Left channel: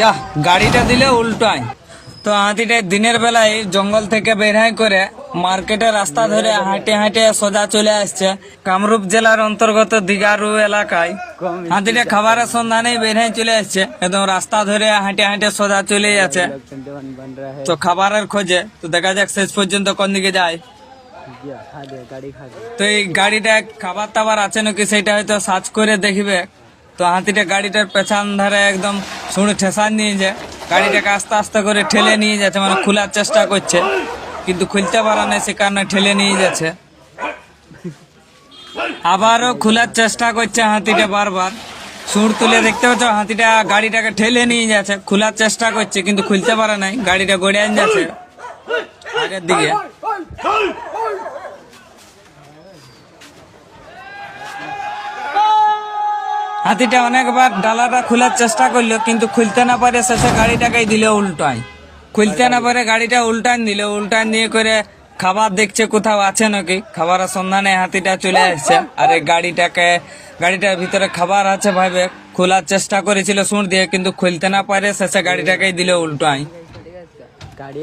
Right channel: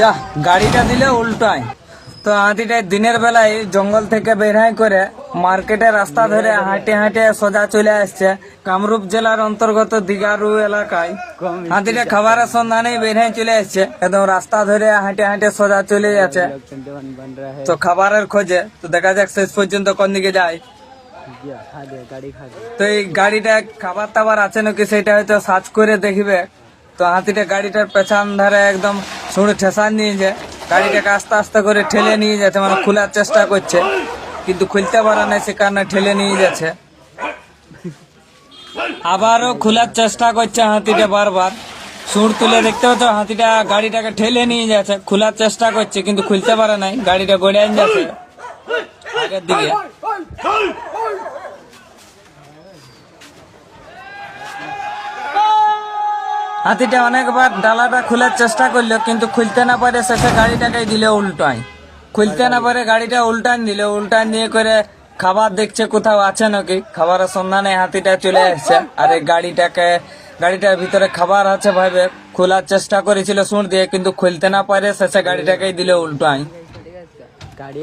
যা, গাড়িটা দিলে উল্টায়। তো হাতিটা দিনের বেলায় জঙ্গল থেকে বের হয় করে মার্কেটে রাস্তা ধরে হাঁটে হাঁটে সোজা চলে আসছে কামরূপ জেলার অন্তর্গত দিগারু এলাকায়। হাতিটা খাবারের সন্ধানে বেরহাই চলে আসছে, একদম রাস্তা ধরে হাঁটে হাঁটে সোজা চলে যাচ্ছে। তো খাবারের খোঁজে, তো দেখা যাক শেষ পর্যন্ত কোন দিকে যায়। তো এই গাড়িটা খাবার টাবার আছে নাকি সেটা হয়তো সার্চ করে দেখবে। তো হাতিটা গাড়িটার পেছন ধারে একদম শুনে ঠেসান নিয়ে যায়। গাড়িটাকে আস্তে আস্তে করে ঠেলে নিয়ে যাচ্ছে মানে খোলার চেষ্টা করছে। কিন্তু খুলতে পারে না সে কারণে ঠেলে নিয়ে যাচ্ছে। আবারও খোলার চেষ্টা করছে হাতিটা বারবার। সুর তুলে দেখতে পাচ্ছ, হাতিটা গাড়িটাকে ঠেলে নিয়ে যাচ্ছে। খোলার চেষ্টা করছে, কিন্তু খুলতে পারে নাই, গাড়িটা গড়ে আন যাচ্ছে দিকে। হাতিটা অনেকবার ডালাটা খোলার চেষ্টা করল কিন্তু খুলতে না পারে শেষে গাড়িটাকে দিলে উল্টায়। খুলতে না পারে গাড়িটা উল্টান দিল উল্টান দিয়ে করে খাবার দেখছে কোথাও আছে নাকি? খাবারের সন্ধানে হাতিটা চলে আসছে আর এই গাড়িটাকে গাড়িটার ভিতরে খাবার আছে ভাবে খোলার চেষ্টা করেছিল সুর দিয়ে কিন্তু খুলতে না পারে শেষে গাড়িটাকেই দিল উল্টায়। गाड़ी